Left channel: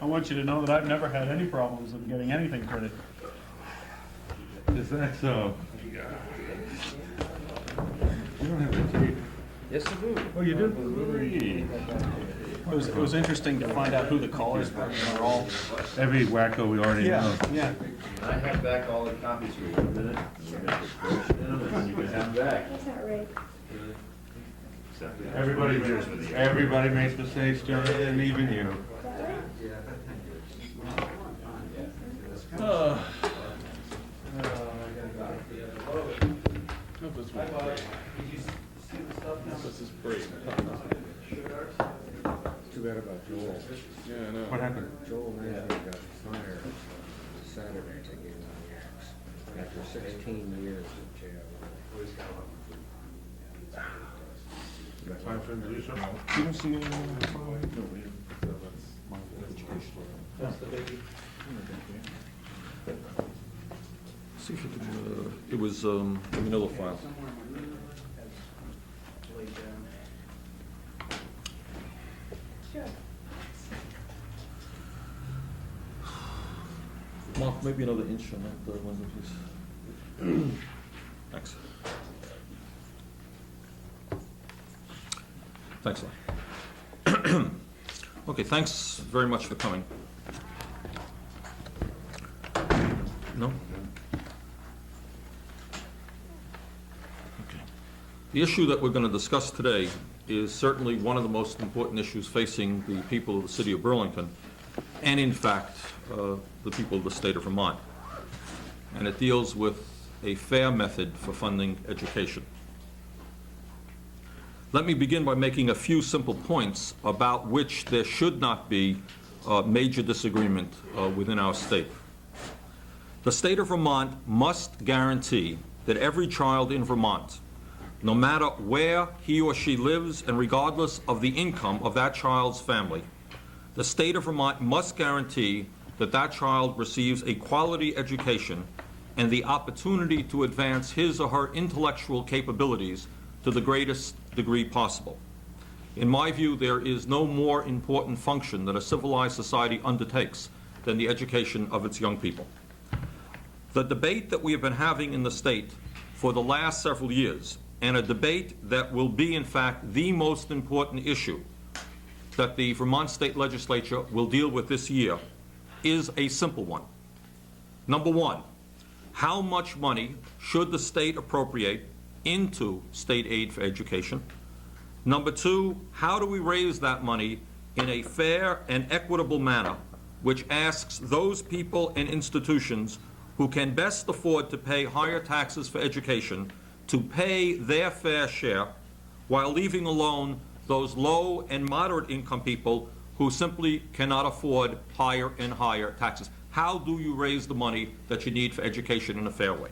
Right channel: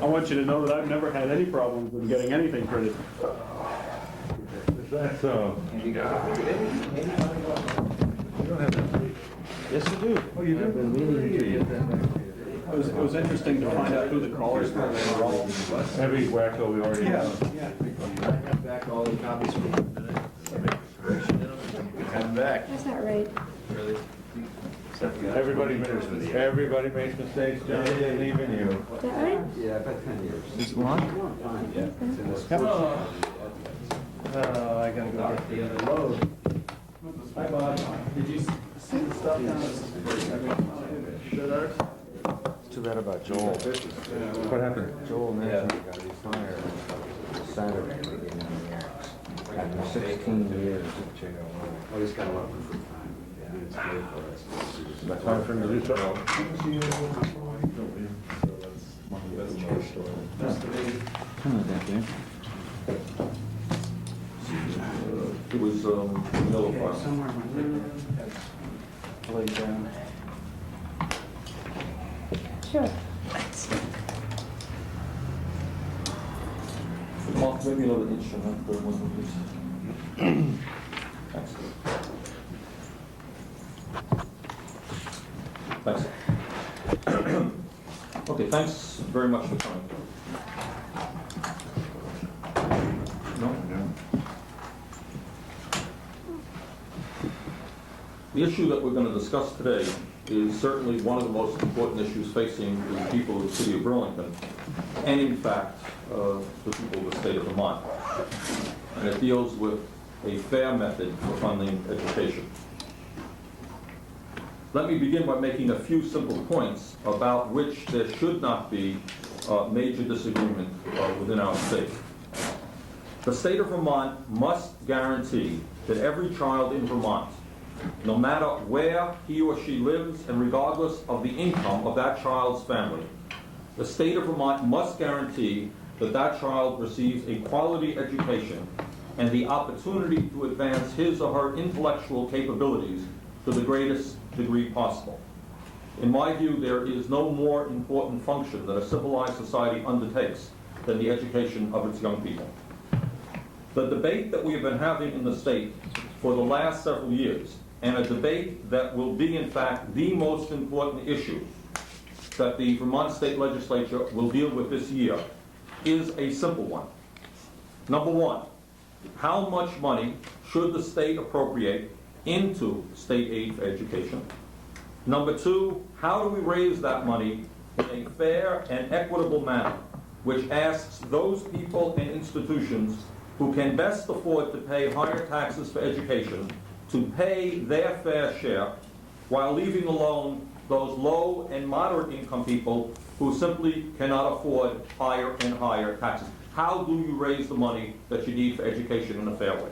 I want you to know that I've never had any problems with getting anything printed. Is that so? You don't have to read it. Yes, you do. Oh, you do? It was interesting to find out who the callers were. They were all Every wacko we already know. Yeah. I have back all the copies from you today. You can have them back. That's not right. Really? Everybody makes mistakes, John, and even you. Did I? Yeah, about 10 years. This one? I gotta go get the other load. Hi, Bob. Did you see the stuff down at Too bad about Joel. What happened? Joel Nesbitt got fired on Saturday beginning of the year. After 16 years of jail. Oh, he's got a lot of free time. Yeah, it's great for us. That's time for him to do something. That's the baby. It was Manila file. Somewhere laid down. Sure. Mark, maybe another instrument, but it wasn't this. Excellent. Thanks. Okay, thanks very much for coming. No? The issue that we're going to discuss today is certainly one of the most important issues facing the people of the city of Burlington, and in fact, the people of the state of Vermont. And it deals with a fair method for funding education. Let me begin by making a few simple points about which there should not be major disagreement within our state. The state of Vermont must guarantee that every child in Vermont, no matter where he or she lives and regardless of the income of that child's family, the state of Vermont must guarantee that that child receives a quality education and the opportunity to advance his or her intellectual capabilities to the greatest degree possible. In my view, there is no more important function that a civilized society undertakes than the education of its young people. The debate that we have been having in the state for the last several years, and a debate that will be, in fact, the most important issue that the Vermont State Legislature will deal with this year, is a simple one. Number one, how much money should the state appropriate into state aid for education? Number two, how do we raise that money in a fair and equitable manner, which asks those people and institutions who can best afford to pay higher taxes for education to pay their fair share, while leaving alone those low and moderate income people who simply cannot afford higher and higher taxes. How do you raise the money that you need for education in a fair way?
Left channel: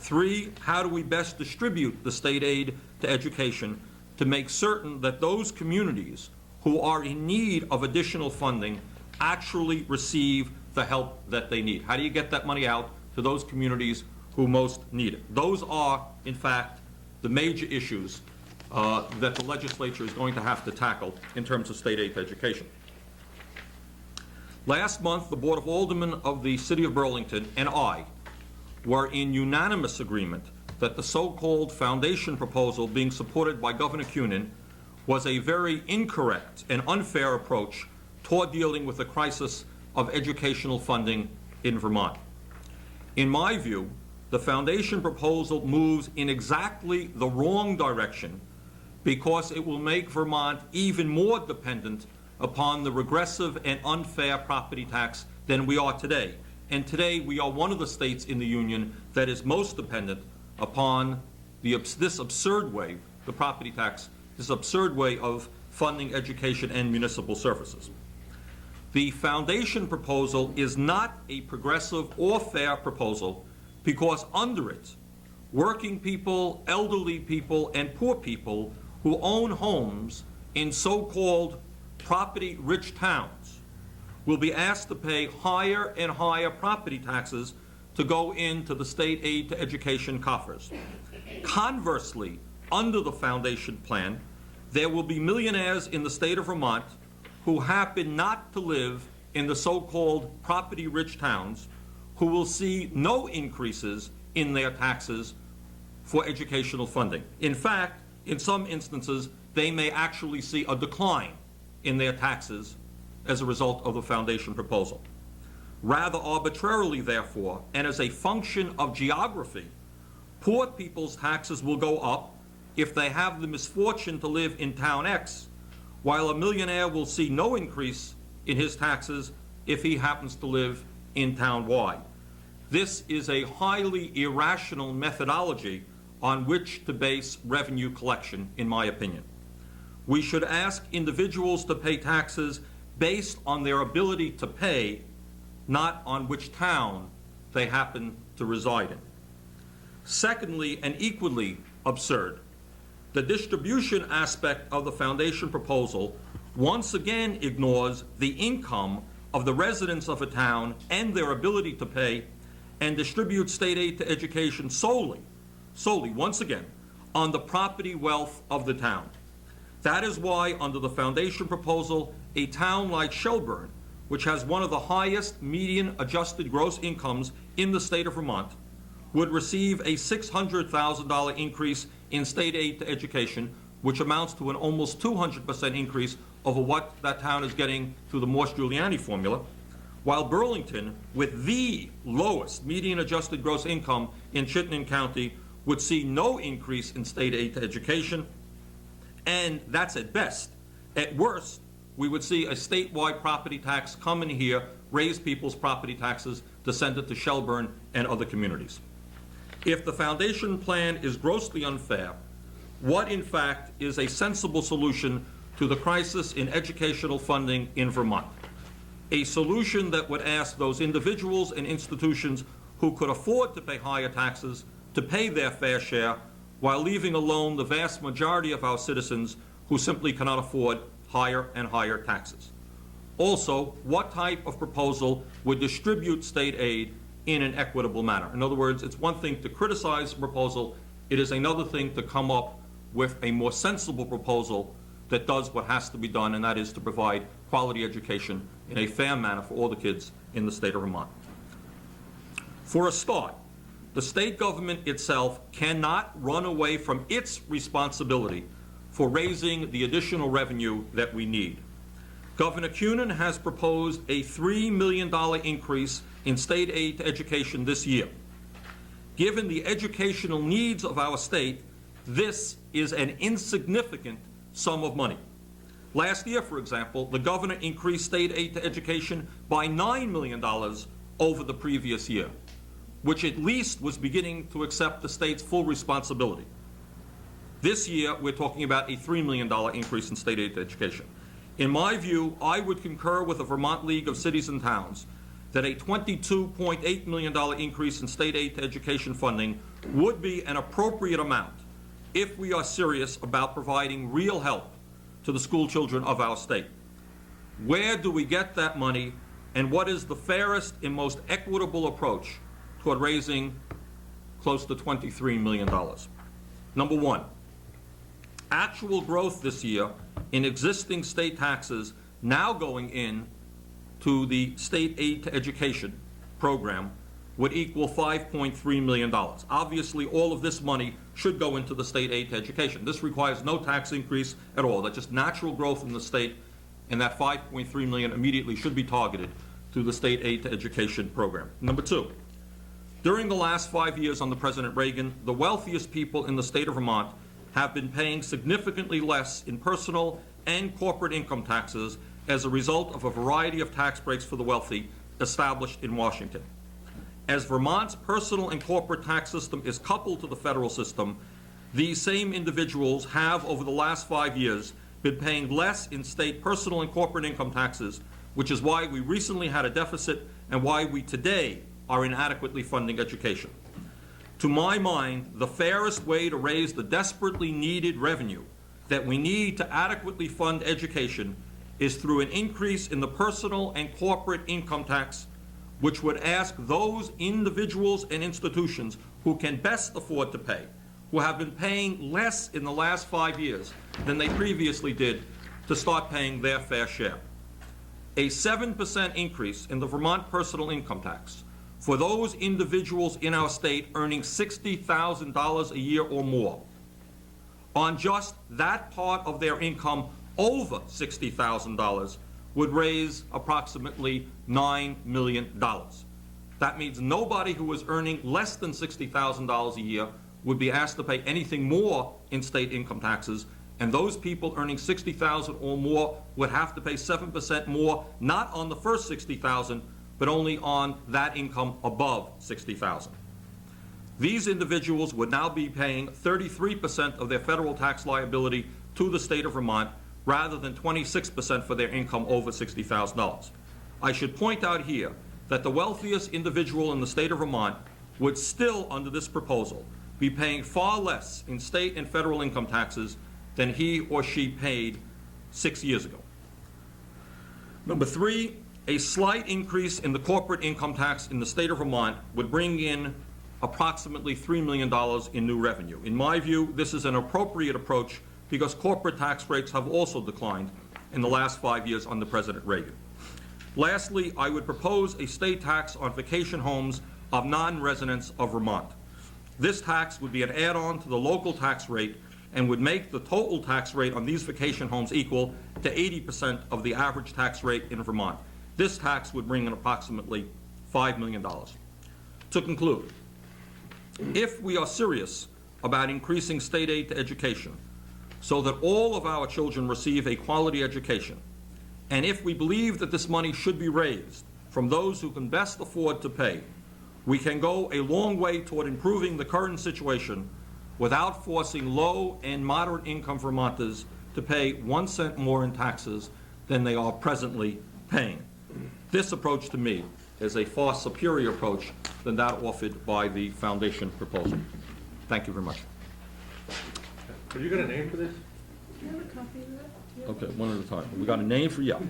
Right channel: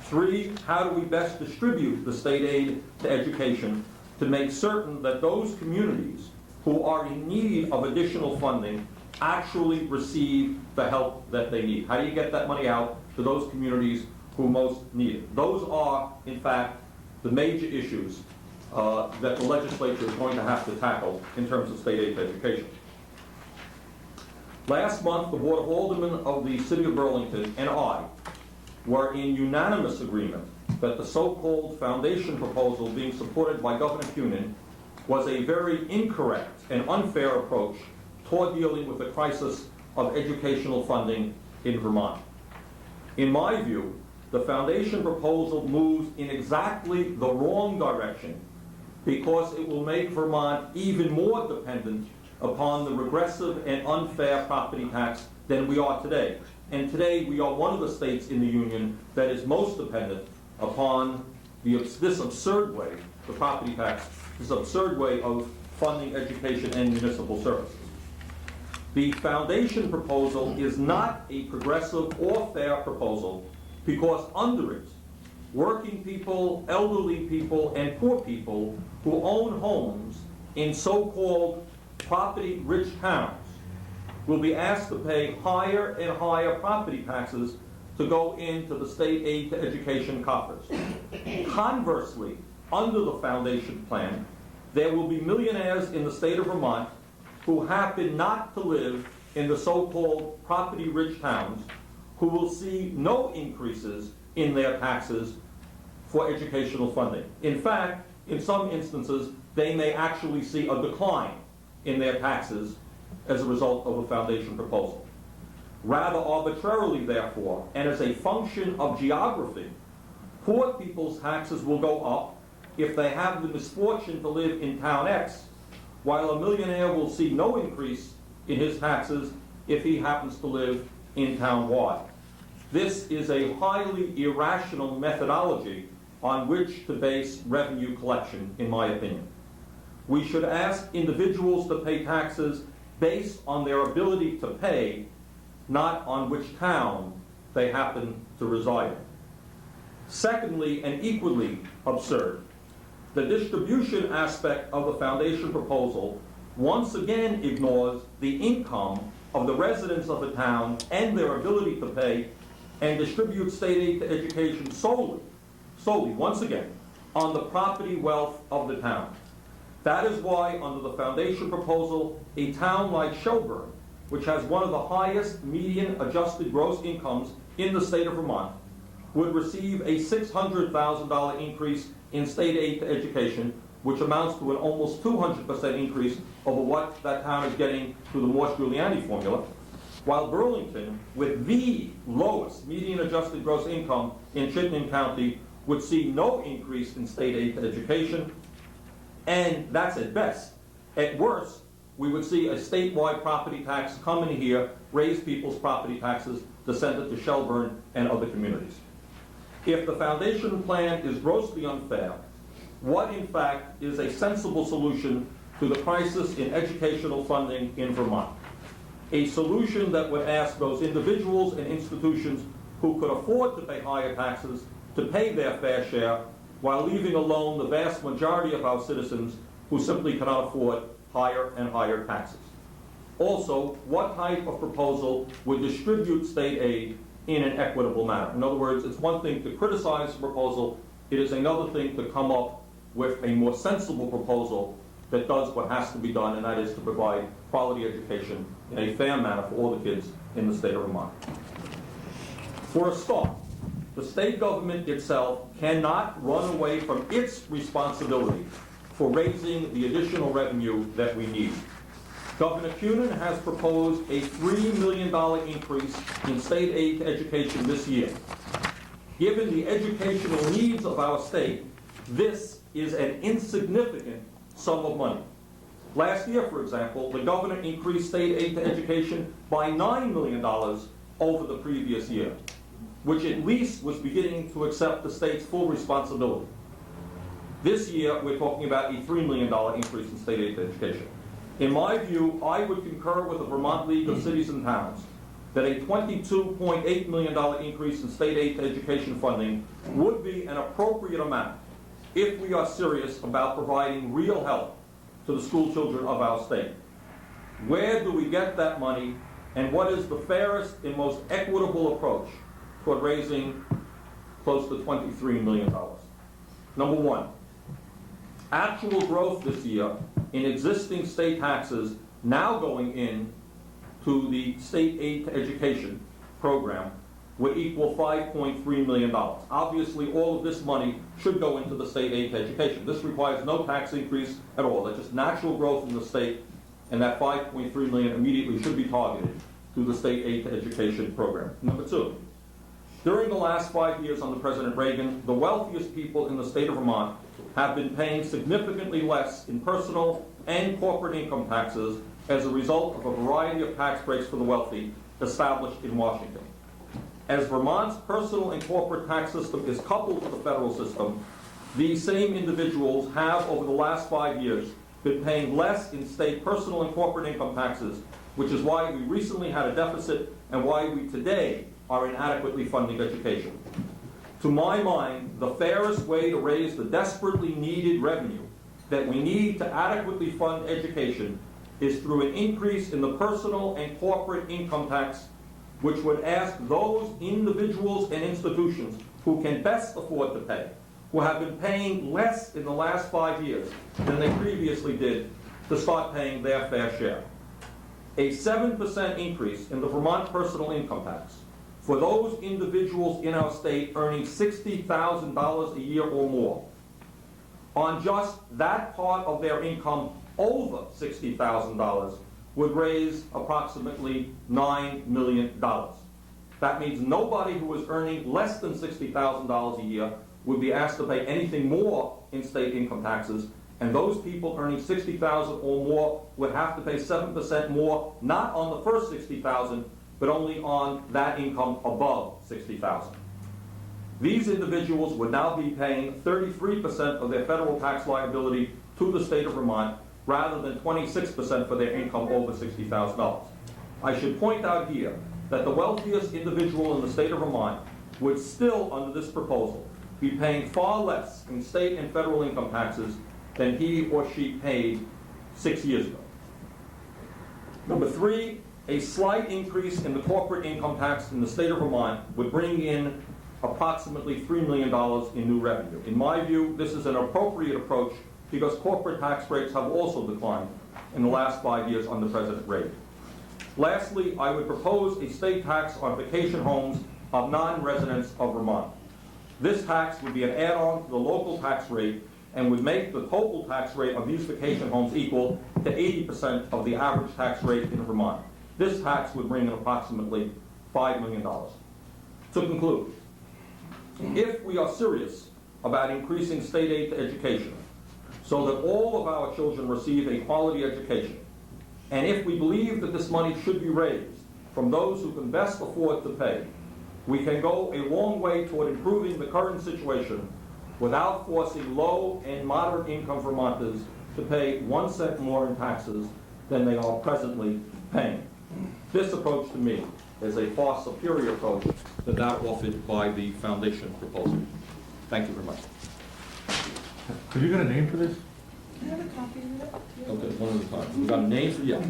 Three, how do we best distribute the state aid to education to make certain that those communities who are in need of additional funding actually receive the help that they need? How do you get that money out to those communities who most need it? Those are, in fact, the major issues that the legislature is going to have to tackle in terms of state aid to education. Last month, the Board of Aldermen of the City of Burlington and I were in unanimous agreement that the so-called foundation proposal being supported by Governor Kunin was a very incorrect and unfair approach toward dealing with the crisis of educational funding in Vermont. In my view, the foundation proposal moves in exactly the wrong direction because it will make Vermont even more dependent upon the regressive and unfair property tax than we are today. And today we are one of the states in the Union that is most dependent upon this absurd way, the property tax, this absurd way of funding education and municipal services. The foundation proposal is not a progressive or fair proposal because under it, working people, elderly people, and poor people who own homes in so-called property-rich towns will be asked to pay higher and higher property taxes to go into the state aid to education coffers. Conversely, under the foundation plan, there will be millionaires in the state of Vermont who happen not to live in the so-called property-rich towns who will see no increases in their taxes for educational funding. In fact, in some instances, they may actually see a decline in their taxes as a result of the foundation proposal. Rather arbitrarily, therefore, and as a function of geography, poor people's taxes will go up if they have the misfortune to live in town X, while a millionaire will see no increase in his taxes if he happens to live in town Y. This is a highly irrational methodology on which to base revenue collection, in my opinion. We should ask individuals to pay taxes based on their ability to pay, not on which town they happen to reside in. Secondly, and equally absurd, the distribution aspect of the foundation proposal once again ignores the income of the residents of a town and their ability to pay, and distributes state aid to education solely, once again, on the property wealth of the town. That is why, under the foundation proposal, a town like Shelburne, which has one of the highest median adjusted gross incomes in the state of Vermont, would receive a $600,000 increase in state aid to education, which amounts to an almost 200% increase over what that town is getting through the Morse-Giuliani formula, while Burlington, with the lowest median adjusted gross income in Chittenden County, would see no increase in state aid to education, and that's at best. At worst, we would see a statewide property tax come in here, raise people's property taxes to send it to Shelburne and other communities. If the foundation plan is grossly unfair, what in fact is a sensible solution to the crisis in educational funding in Vermont? A solution that would ask those individuals and institutions who could afford to pay higher taxes to pay their fair share, while leaving alone the vast majority of our citizens who simply cannot afford higher and higher taxes. Also, what type of proposal would distribute state aid in an equitable manner? In other words, it's one thing to criticize a proposal, it is another thing to come up with a more sensible proposal that does what has to be done, and that is to provide quality education in a fair manner for all the kids in the state of Vermont. For a start, the state government itself cannot run away from its responsibility for raising the additional revenue that we need. Governor Kunin has proposed a $3 million increase in state aid to education this year. Given the educational needs of our state, this is an insignificant sum of money. Last year, for example, the governor increased state aid to education by $9 million over the previous year, which at least was beginning to accept the state's full responsibility. This year, we're talking about a $3 million increase in state aid to education. In my view, I would concur with the Vermont League of Cities and Towns that a $22.8 million increase in state aid to education funding would be an appropriate amount if we are serious about providing real help to the school children of our state. Where do we get that money, and what is the fairest and most equitable approach toward raising close to $23 million? Number one, actual growth this year in existing state taxes now going in to the state aid to education program would equal $5.3 million. Obviously, all of this money should go into the state aid to education. This requires no tax increase at all. That's just natural growth in the state, and that $5.3 million immediately should be targeted to the state aid to education program. Number two, during the last 5 years under President Reagan, the wealthiest people in the state of Vermont have been paying significantly less in personal and corporate income taxes as a result of a variety of tax breaks for the wealthy established in Washington. As Vermont's personal and corporate tax system is coupled to the federal system, these same individuals have, over the last 5 years, been paying less in state personal and corporate income taxes, which is why we recently had a deficit and why we today are inadequately funding education. To my mind, the fairest way to raise the desperately needed revenue that we need to adequately fund education is through an increase in the personal and corporate income tax, which would ask those individuals and institutions who can best afford to pay, who have been paying less in the last 5 years than they previously did, to start paying their fair share. a 7% increase in the Vermont personal income tax for those individuals in our state earning $60,000 a year or more on just that part of their income over $60,000 would raise approximately $9 million. That means nobody who was earning less than $60,000 a year would be asked to pay anything more in state income taxes, and those people earning $60,000 or more would have to pay 7% more, not on the first $60,000, but only on that income above $60,000. These individuals would now be paying 33% of their federal tax liability to the state of Vermont, rather than 26% for their income over $60,000. I should point out here that the wealthiest individual in the state of Vermont would still, under this proposal, be paying far less in state and federal income taxes than he or she paid 6 years ago. Number 3, a slight increase in the corporate income tax in the state of Vermont would bring in approximately $3 million in new revenue. In my view, this is an appropriate approach because corporate tax rates have also declined in the last 5 years under President Reagan. Lastly, I would propose a state tax on vacation homes of non-residents of Vermont. This tax would be an add-on to the local tax rate and would make the total tax rate on these vacation homes equal to 80% of the average tax rate in Vermont. This tax would bring in approximately $5 million. To conclude, if we are serious about increasing state aid to education so that all of our children receive a quality education, and if we believe that this money should be raised from those who can best afford to pay, we can go a long way toward improving the current situation without forcing low and moderate income Vermonters to pay 1 cent more in taxes than they are presently paying. This approach to me is a far superior approach than that offered by the foundation proposal. Thank you very much. Have you got a name for this? Can I have a copy of it? Okay, one at a time. We got a name for you.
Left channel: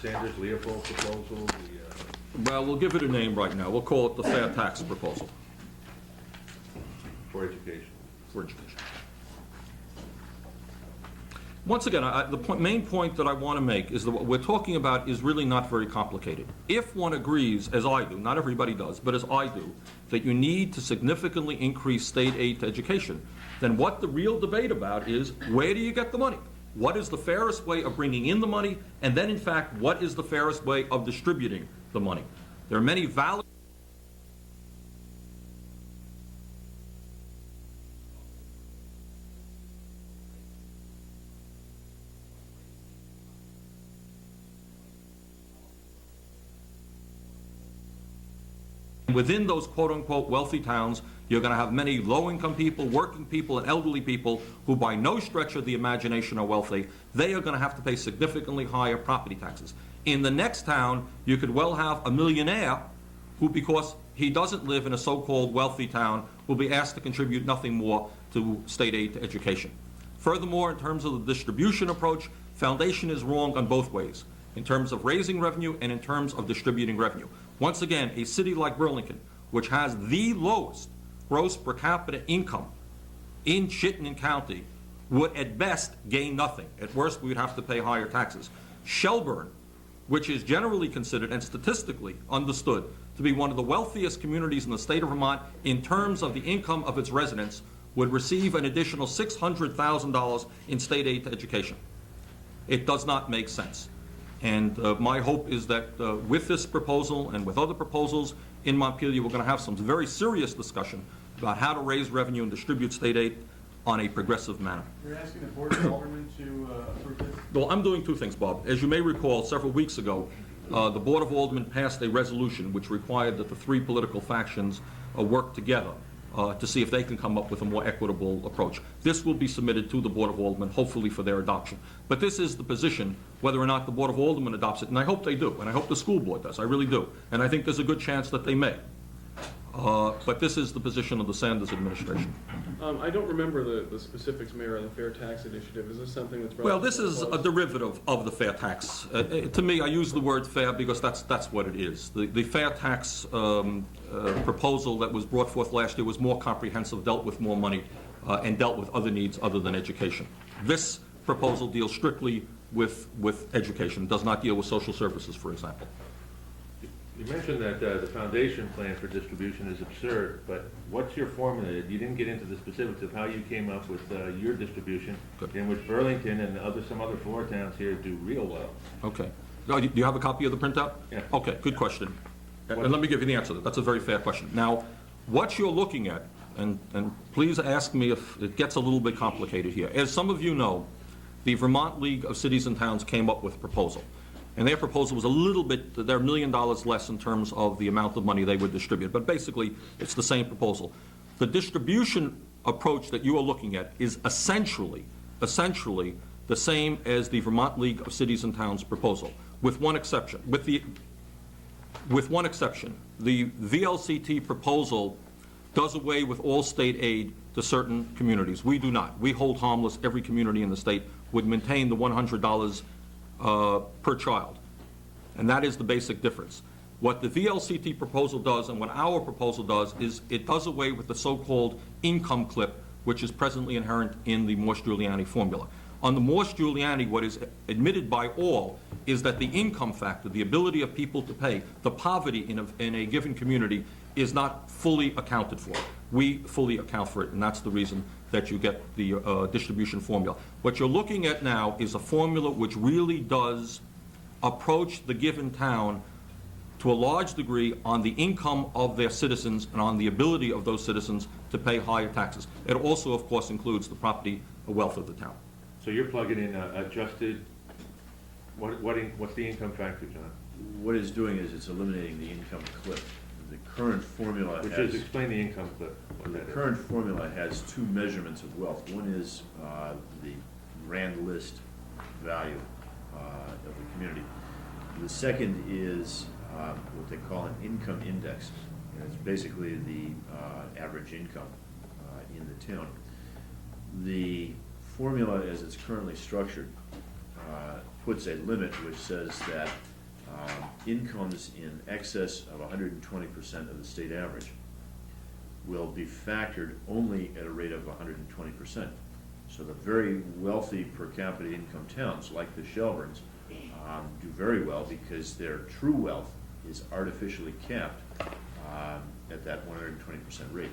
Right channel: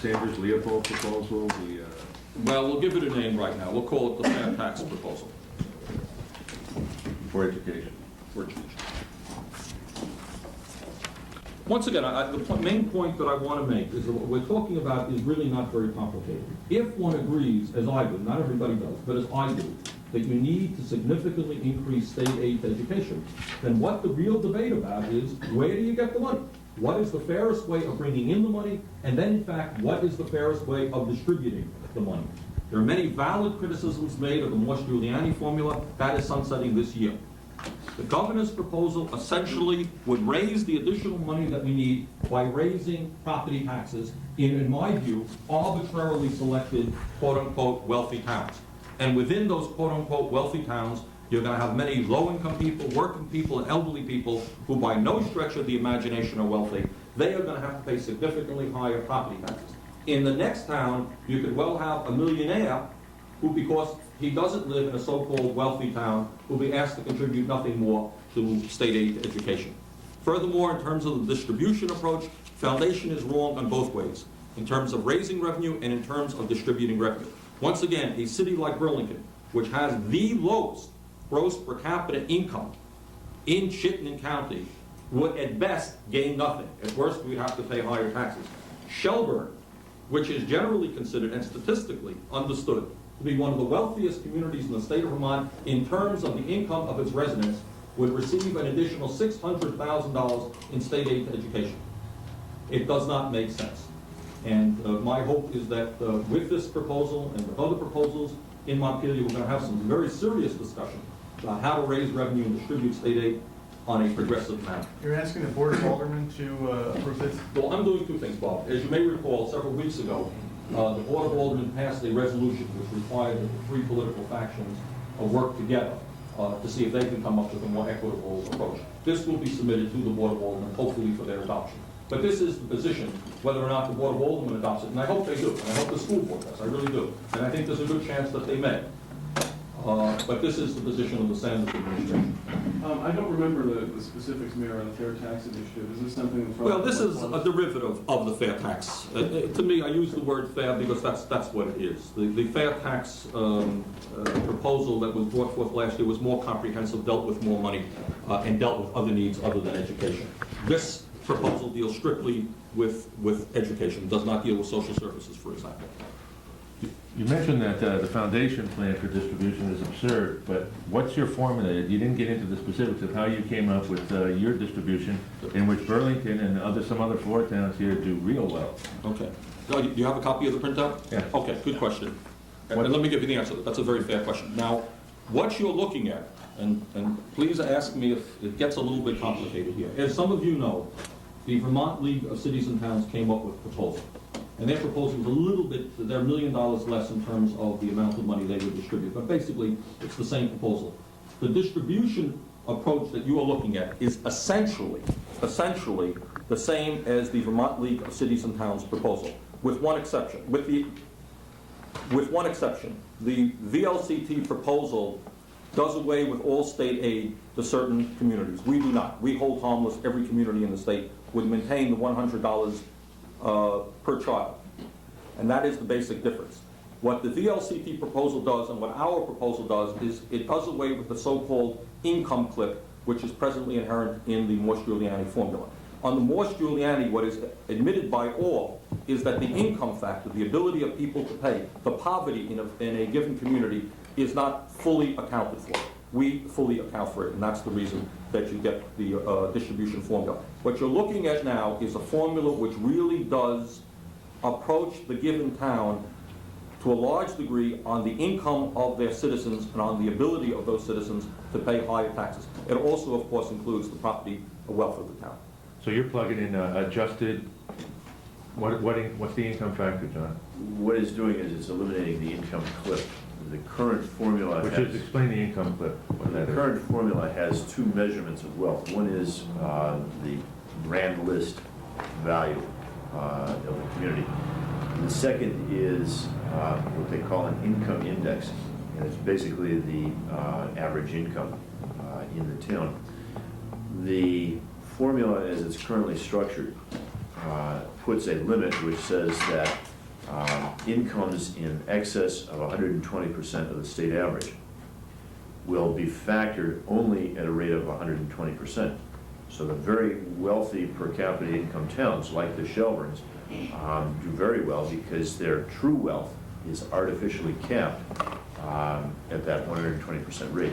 Sanders Leopold proposal, the, Well, we'll give it a name right now. We'll call it the fair tax proposal for education. for education. Once again, the main point that I want to make is that what we're talking about is really not very complicated. If one agrees, as I do, not everybody does, but as I do, that you need to significantly increase state aid to education, then what the real debate about is, where do you get the money? What is the fairest way of bringing in the money? And then, in fact, what is the fairest way of distributing the money? There are many valid criticisms made of the Morse-Giuliani formula. That is sunsetting this year. The governor's proposal essentially would raise the additional money that we need by raising property taxes in my view, arbitrarily selected quote-unquote wealthy towns. And within those quote-unquote wealthy towns, you're going to have many low-income people, working people, and elderly people who by no stretch of the imagination are wealthy. They are going to have to pay significantly higher property taxes. In the next town, you could well have a millionaire who, because he doesn't live in a so-called wealthy town, will be asked to contribute nothing more to state aid to education. Furthermore, in terms of the distribution approach, Foundation is wrong on both ways, in terms of raising revenue and in terms of distributing revenue. Once again, a city like Burlington, which has the lowest gross per capita income in Chittenden County, would at best gain nothing. At worst, we would have to pay higher taxes. Shelburne, which is generally considered and statistically understood to be one of the wealthiest communities in the state of Vermont in terms of the income of its residents, would receive an additional $600,000 in state aid to education. It does not make sense. And my hope is that with this proposal and with other proposals in Montpelier, we're going to have some very serious discussion about how to raise revenue and distribute state aid on a progressive manner. You're asking the Board of Aldermen to approve this? Well, I'm doing two things, Bob. As you may recall, several weeks ago, the Board of Aldermen passed a resolution which required that the three political factions work together to see if they can come up with a more equitable approach. This will be submitted to the Board of Aldermen, hopefully for their adoption. But this is the position, whether or not the Board of Aldermen adopts it, and I hope they do, and I hope the school board does, I really do. And I think there's a good chance that they may. But this is the position of the Sanders administration. I don't remember the specifics, Mayor, on the Fair Tax Initiative. Is this something that's... Well, this is a derivative of the fair tax. To me, I use the word fair because that's what it is. The fair tax proposal that was brought forth last year was more comprehensive, dealt with more money, and dealt with other needs other than education. This proposal deals strictly with education, does not deal with social services, for example. You mentioned that the foundation plan for distribution is absurd, but what's your formula? You didn't get into the specifics of how you came up with your distribution, in which Burlington and some other four towns here do real well. Okay. Do you have a copy of the printout? Yeah. Okay, good question. And let me give you the answer. That's a very fair question. Now, what you're looking at, and please ask me if it gets a little bit complicated here. As some of you know, the Vermont League of Cities and Towns came up with a proposal. And their proposal was a little bit, they're $1 million less in terms of the amount of money they would distribute. But basically, it's the same proposal. The distribution approach that you are looking at is essentially the same as the Vermont League of Cities and Towns proposal, with one exception. With one exception, the VLCT proposal does away with all state aid to certain communities. We do not. We hold harmless every community in the state would maintain the $100 per child. And that is the basic difference. What the VLCT proposal does and what our proposal does is it does away with the so-called income cliff, which is presently inherent in the Morse-Giuliani formula. On the Morse-Giuliani, what is admitted by all is that the income factor, the ability of people to pay, the poverty in a given community is not fully accounted for. We fully account for it, and that's the reason that you get the distribution formula. What you're looking at now is a formula which really does approach the given town to a large degree on the income of their citizens and on the ability of those citizens to pay higher taxes. It also, of course, includes the property wealth of the town. So you're plugging in adjusted, what's the income factor, John? What it's doing is it's eliminating the income cliff. The current formula Which has... is, explain the income cliff, what The that is. current formula has two measurements of wealth. One is the grand list value of the community. The second is what they call an income index. And it's basically the average income in the town. The formula, as it's currently structured, puts a limit which says that incomes in excess of 120% of the state average will be factored only at a rate of 120%. So the very wealthy per capita income towns, like the Shelburnes, do very well because their true wealth is artificially capped at that 120% rate.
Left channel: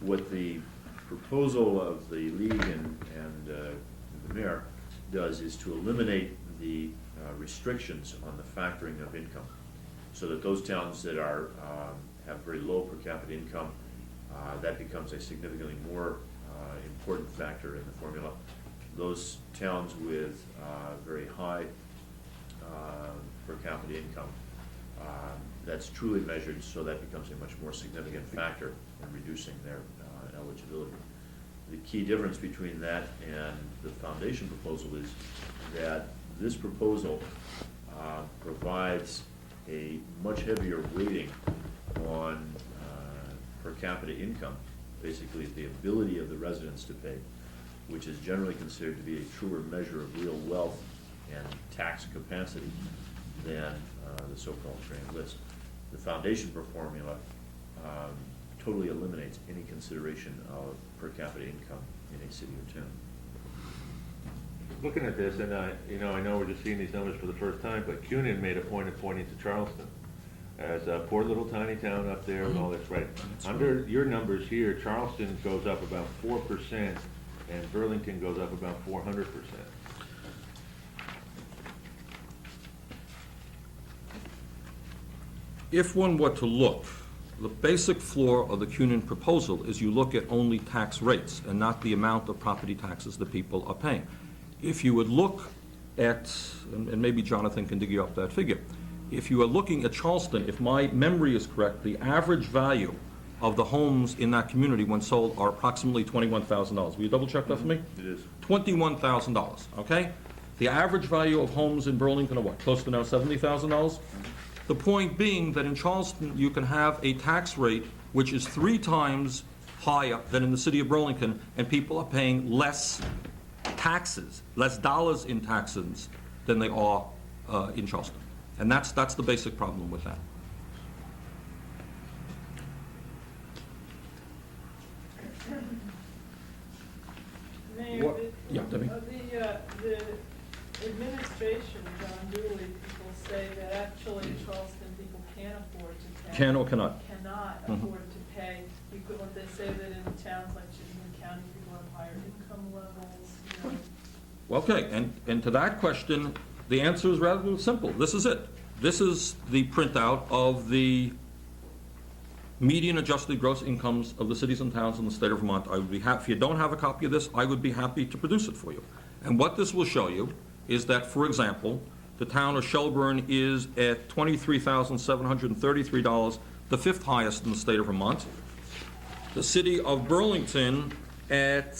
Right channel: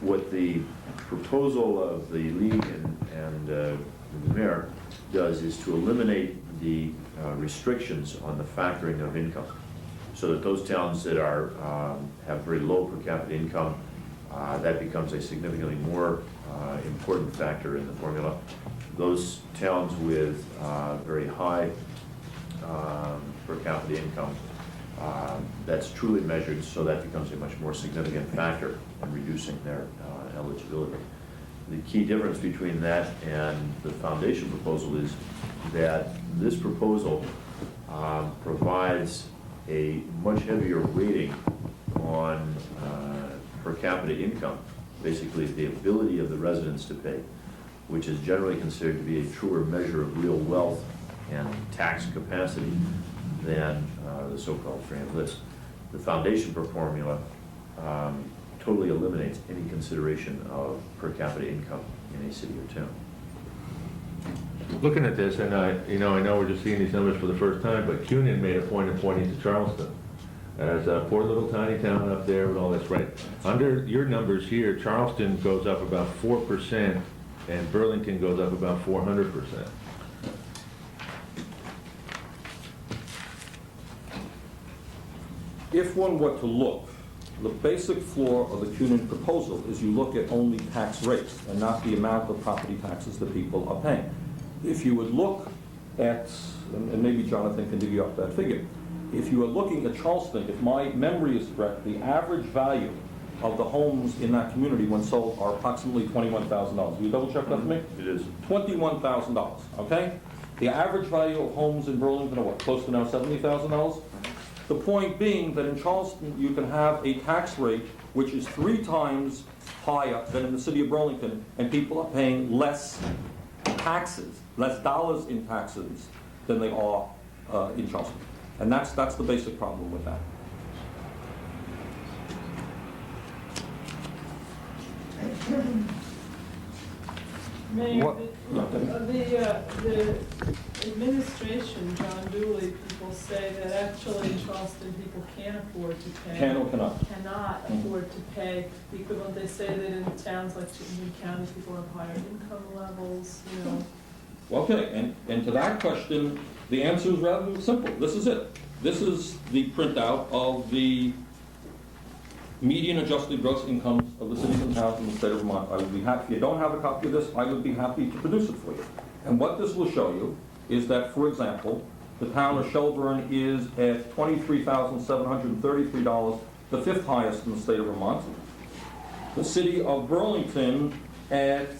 What the proposal of the league and the mayor does is to eliminate the restrictions on the factoring of income, so that those towns that have very low per capita income, that becomes a significantly more important factor in the formula. Those towns with very high per capita income, that's truly measured, so that becomes a much more significant factor in reducing their eligibility. The key difference between that and the foundation proposal is that this proposal provides a much heavier weighting on per capita income, basically the ability of the residents to pay, which is generally considered to be a truer measure of real wealth and tax capacity than the so-called grand list. The foundation formula totally eliminates any consideration of per capita income in a city or town. Looking at this, and I know we're just seeing these numbers for the first time, but CUNY made a point of pointing to Charleston as a poor little tiny town up there with all this, right? Under your numbers here, Charleston goes up about 4%, and Burlington goes up about 400%. If one were to look, the basic flaw of the CUNY proposal is you look at only tax rates and not the amount of property taxes that people are paying. If you would look at, and maybe Jonathan can dig you up that figure, if you are looking at Charleston, if my memory is correct, the average value of the homes in that community when sold are approximately $21,000. Will you double check that for me? It is. $21,000, okay? The average value of homes in Burlington are what, close to now $70,000? The point being that in Charleston, you can have a tax rate which is 3 times higher than in the city of Burlington, and people are paying less taxes, less dollars in taxes than they are in Charleston. And that's the basic problem with that. Mayor, What- Yeah, Debbie. the administration, John Dooley, people say that actually in Charleston, people can't afford to pay. Can or cannot? Cannot Mhm. afford to pay the equivalent. They say that in towns like Chittenden County, people have higher income levels, you know. Okay, and to that question, the answer is rather simple. This is it. This is the printout of the median adjusted gross incomes of the cities and towns in the state of Vermont. I would be happy, if you don't have a copy of this, I would be happy to produce it for you. And what this will show you is that, for example, the town of Shelburne is at $23,733, the fifth highest in the state of Vermont. The city of Burlington at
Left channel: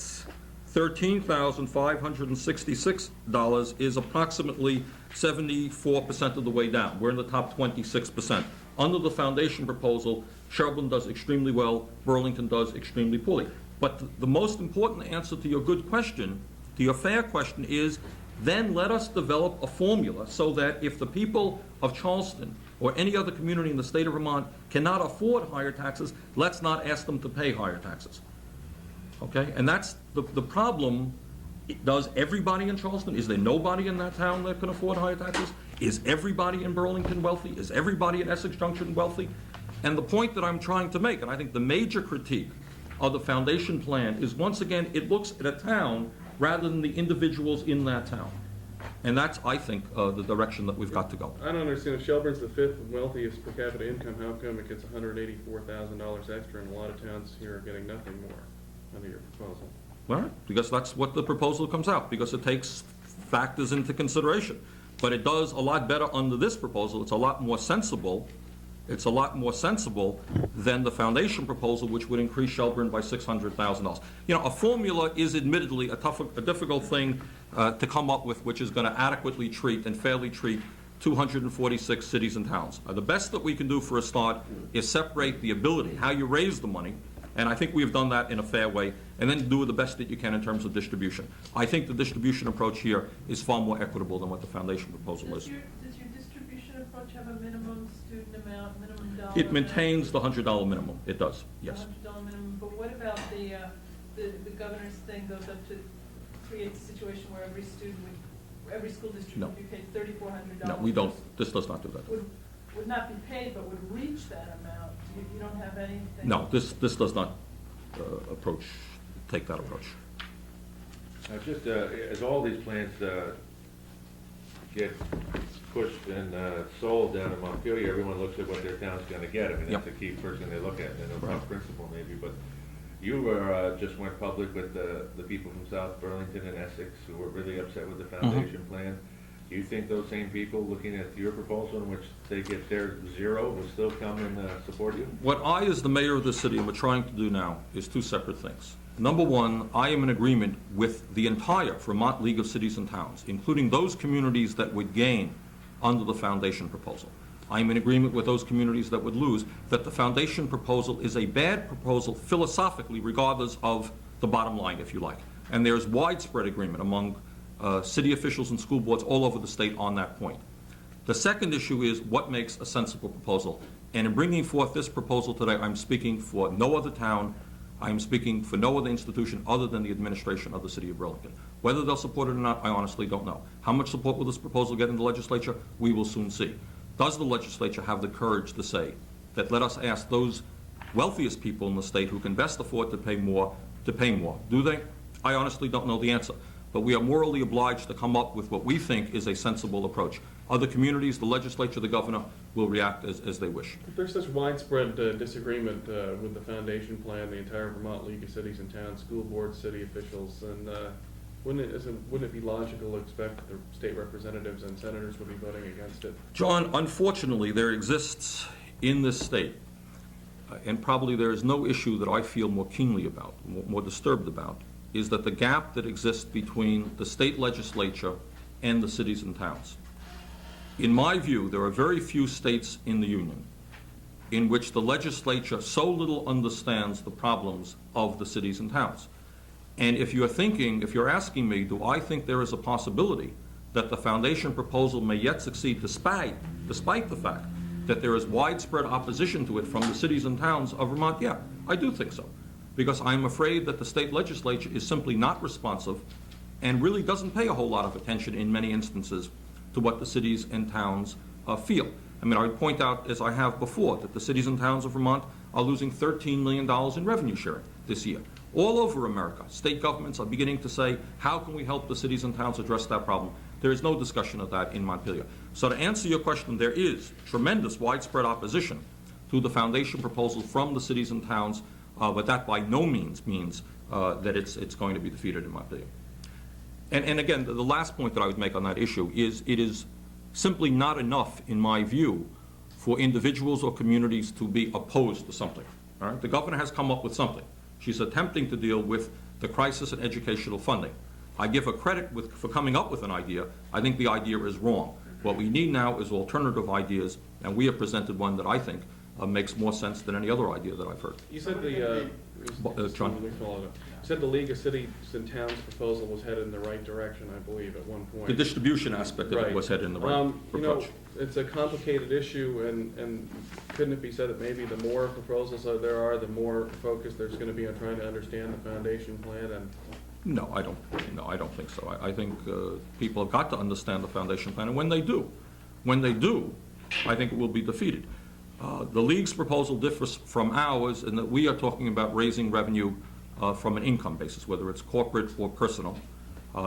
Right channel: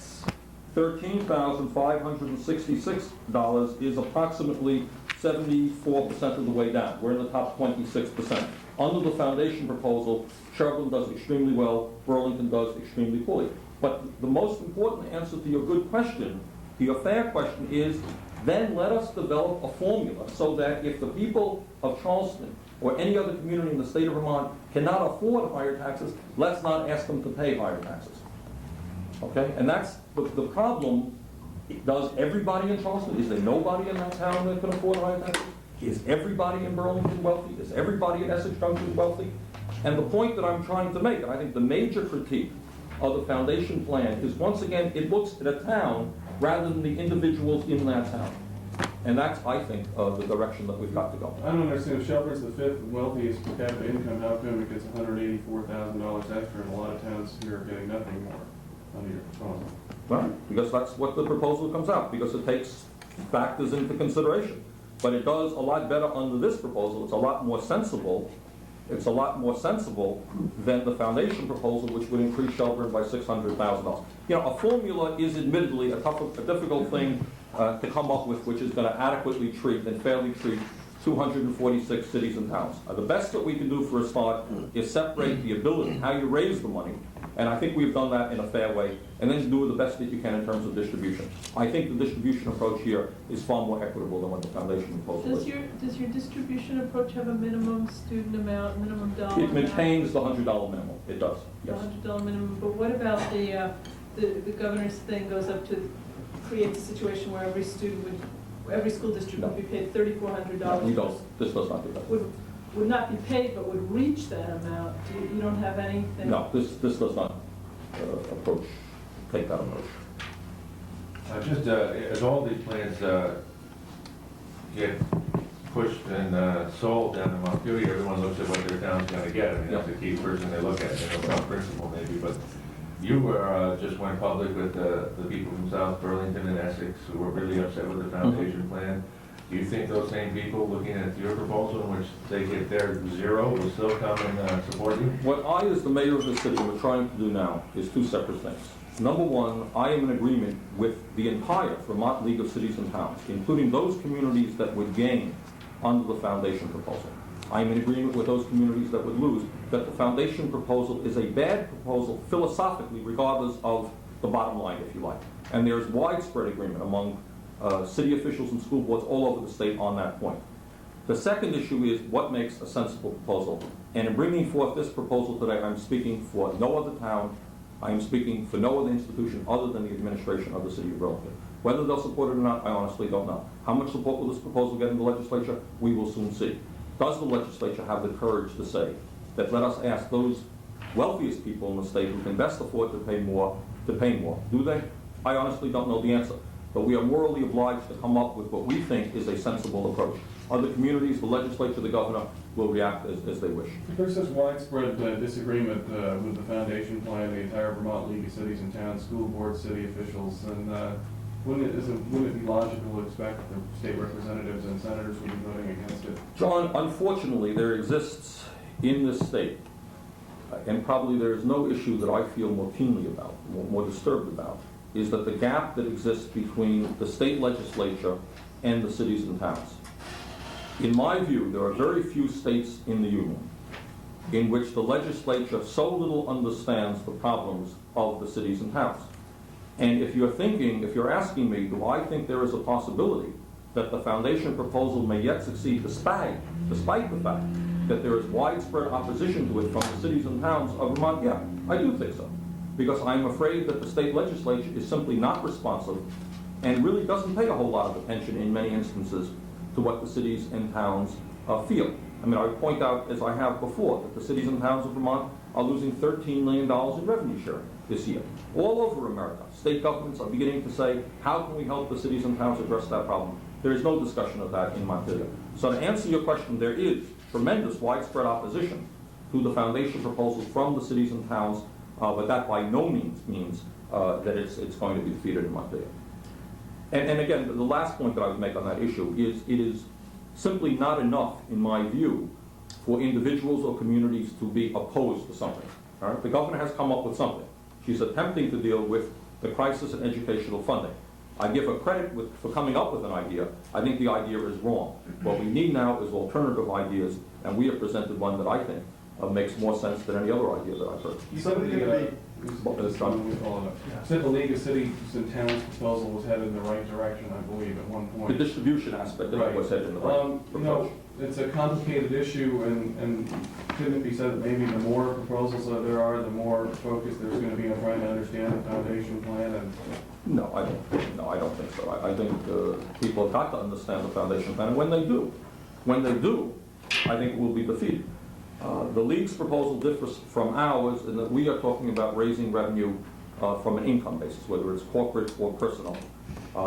$13,566 is approximately 74% of the way down. We're in the top 26%. Under the foundation proposal, Shelburne does extremely well, Burlington does extremely poorly. But the most important answer to your good question, to your fair question, is then let us develop a formula so that if the people of Charleston or any other community in the state of Vermont cannot afford higher taxes, let's not ask them to pay higher taxes. Okay? And that's the problem. Does everybody in Charleston, is there nobody in that town that can afford higher taxes? Is everybody in Burlington wealthy? Is everybody in Essex Junction wealthy? And the point that I'm trying to make, and I think the major critique of the foundation plan is, once again, it looks at a town rather than the individuals in that town. And that's, I think, the direction that we've got to go. I don't understand, if Shelburne's the fifth wealthiest per capita income, how come it gets $184,000 extra and a lot of towns here are getting nothing more under your proposal? Well, because that's what the proposal comes out, because it takes factors into consideration. But it does a lot better under this proposal. It's a lot more sensible. It's a lot more sensible than the foundation proposal, which would increase Shelburne by $600,000. You know, a formula is admittedly a difficult thing to come up with, which is going to adequately treat and fairly treat 246 cities and towns. The best that we can do for a start is separate the ability, how you raise the money, and I think we've done that in a fair way, and then do the best that you can in terms of distribution. I think the distribution approach here is far more equitable than what the foundation proposal is. Does your distribution approach have a minimum student amount, minimum dollar? It maintains the $100 minimum. It does, yes. $100 minimum, but what about the governor's thing goes up to create a situation where every school district No. would be paid $3,400? No, we don't. This does not do that. Would not be paid, but would reach that amount. You don't have anything? No, this does not take that approach. Just as all these plans get pushed and sold down in Montpelier, everyone looks at what their town's gonna get. I mean, that's the key person they look at, they know about principle maybe, but you were, just went public with the people from South Burlington and Essex who were really upset with the foundation plan. Do you think those same people looking at your proposal in which they get their zero will still come and support you? What I, as the mayor of the city, am trying to do now is two separate things. Number one, I am in agreement with the entire Vermont League of Cities and Towns, including those communities that would gain under the foundation proposal. I am in agreement with those communities that would lose, that the foundation proposal is a bad proposal philosophically, regardless of the bottom line, if you like. And there's widespread agreement among city officials and school boards all over the state on that point. The second issue is what makes a sensible proposal. And in bringing forth this proposal today, I'm speaking for no other town, I'm speaking for no other institution other than the administration of the city of Burlington. Whether they'll support it or not, I honestly don't know. How much support will this proposal get in the legislature? We will soon see. Does the legislature have the courage to say that let us ask those wealthiest people in the state who can best afford to pay more to pay more? Do they? I honestly don't know the answer. But we are morally obliged to come up with what we think is a sensible approach. Other communities, the legislature, the governor, will react as they wish. If there's such widespread disagreement with the foundation plan, the entire Vermont League of Cities and Towns, school boards, city officials, then wouldn't it be logical to expect the state representatives and senators would be voting against it? John, unfortunately, there exists in this state, and probably there is no issue that I feel more keenly about, more disturbed about, is that the gap that exists between the state legislature and the cities and towns. In my view, there are very few states in the Union in which the legislature so little understands the problems of the cities and towns. And if you're asking me, do I think there is a possibility that the foundation proposal may yet succeed despite the fact that there is widespread opposition to it from the cities and towns of Vermont? Yeah, I do think so. Because I'm afraid that the state legislature is simply not responsive and really doesn't pay a whole lot of attention in many instances to what the cities and towns feel. I mean, I point out, as I have before, that the cities and towns of Vermont are losing $13 million in revenue sharing this year. All over America, state governments are beginning to say, how can we help the cities and towns address that problem? There is no discussion of that in Montpelier. So to answer your question, there is tremendous widespread opposition to the foundation proposal from the cities and towns, but that by no means means that it's going to be defeated in Montpelier. And again, the last point that I would make on that issue is it is simply not enough, in my view, for individuals or communities to be opposed to something. All right? The governor has come up with something. She's attempting to deal with the crisis in educational funding. I give her credit for coming up with an idea. I think the idea is wrong. What we need now is alternative ideas, and we have presented one that I think makes more sense than any other idea that I've heard. You said the League of Cities and Towns proposal was headed in the right direction, I believe, at one point. The distribution aspect of it Right. was headed in the right You know, approach. it's a complicated issue, and couldn't it be said that maybe the more proposals that there are, the more focus there's going to be on trying to understand the foundation plan? And No, I don't think so. I think people have got to understand the foundation plan, and when they do, I think it will be defeated. The League's proposal differs from ours in that we are talking about raising revenue from an income basis, whether it's corporate or personal,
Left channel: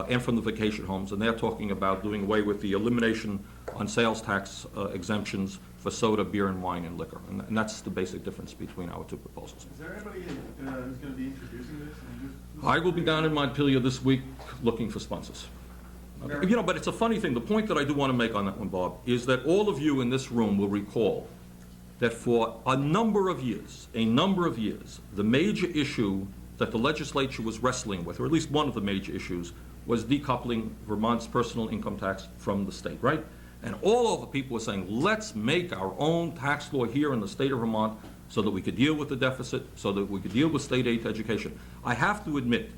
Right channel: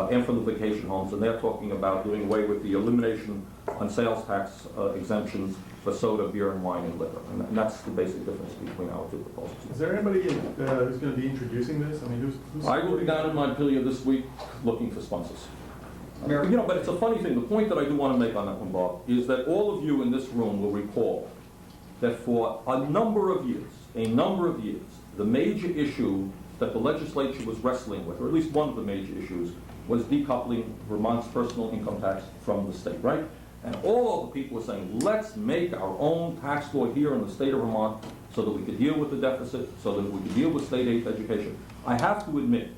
and from the vacation homes, and they're talking about doing away with the elimination on sales tax exemptions for soda, beer, and wine and liquor. And that's the basic difference between our two proposals. Is there anybody who's going to be introducing this? I mean, who's I will be down in Montpelier this week looking for sponsors. You know, but it's a funny thing. The point that I do want to make on that one, Bob, is that all of you in this room will recall that for a number of years, the major issue that the legislature was wrestling with, or at least one of the major issues, was decoupling Vermont's personal income tax from the state, right? And all of the people were saying, let's make our own tax law here in the state of Vermont so that we could deal with the deficit, so that we could deal with state aid to education. I have to admit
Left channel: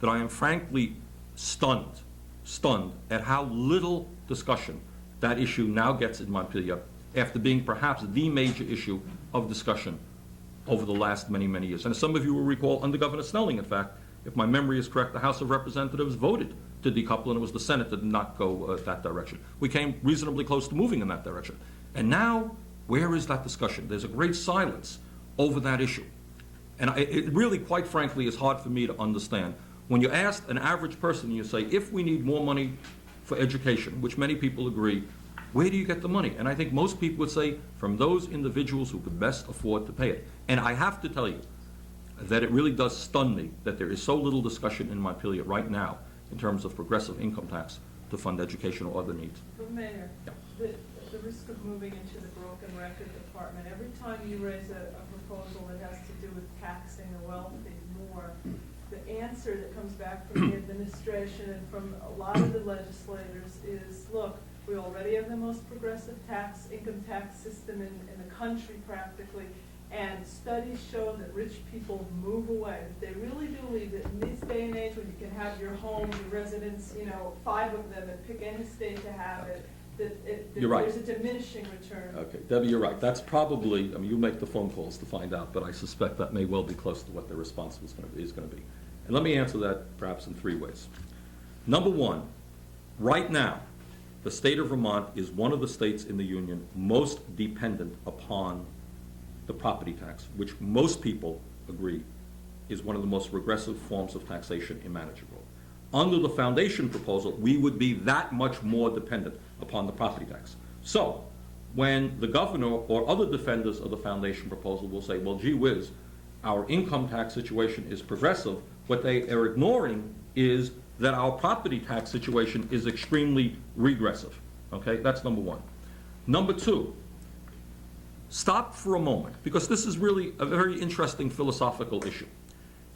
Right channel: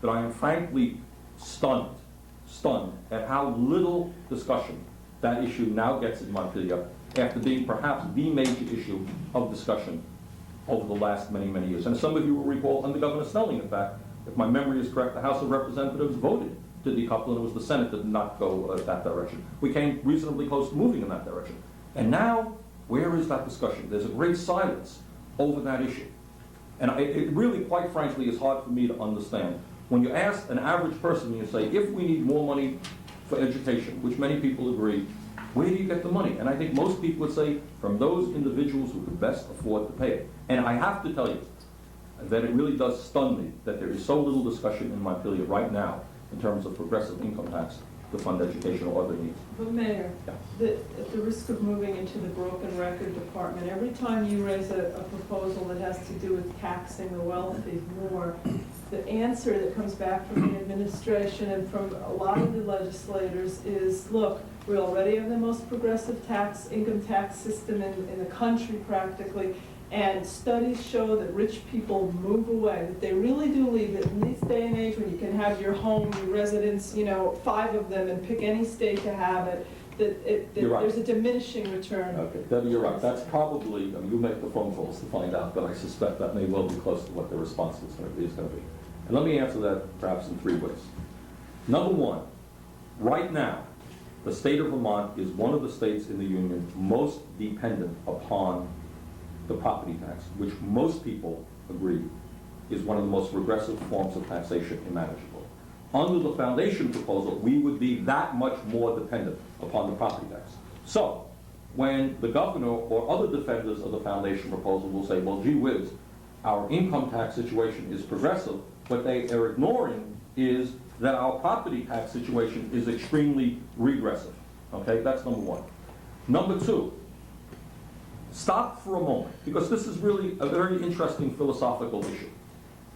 that I am frankly stunned at how little discussion that issue now gets in Montpelier, after being perhaps the major issue of discussion over the last many, many years. And as some of you will recall, under Governor Snelling, in fact, if my memory is correct, the House of Representatives voted to decouple, and it was the Senate that did not go that direction. We came reasonably close to moving in that direction. And now, where is that discussion? There's a great silence over that issue. And it really, quite frankly, is hard for me to understand. When you ask an average person, you say, if we need more money for education, which many people agree, where do you get the money? And I think most people would say, from those individuals who could best afford to pay it. And I have to tell you that it really does stun me that there is so little discussion in Montpelier right now in terms of progressive income tax to fund education or other needs. But Mayor, Yeah. at the risk of moving into the broken record department, every time you raise a proposal that has to do with taxing the wealthy more, the answer that comes back from the administration and from a lot of the legislators is, look, we already have the most progressive income tax system in the country practically, and studies show that rich people move away, that they really do leave it. In this day and age when you can have your home, your residence, 5 of them, and pick any state to have it, that You're right. there's a diminishing return. Okay, Debbie, you're right. That's probably, you make the phone calls to find out, but I suspect that may well be close to what the response is going to be. And let me answer that perhaps in 3 ways. Number one, right now, the state of Vermont is one of the states in the Union most dependent upon the property tax, which most people agree is one of the most regressive forms of taxation imaginable. Under the foundation proposal, we would be that much more dependent upon the property tax. So, when the governor or other defenders of the foundation proposal will say, well, gee whiz, our income tax situation is progressive, what they are ignoring is that our property tax situation is extremely regressive. Okay, that's number one. Number two, stop for a moment, because this is really a very interesting philosophical issue.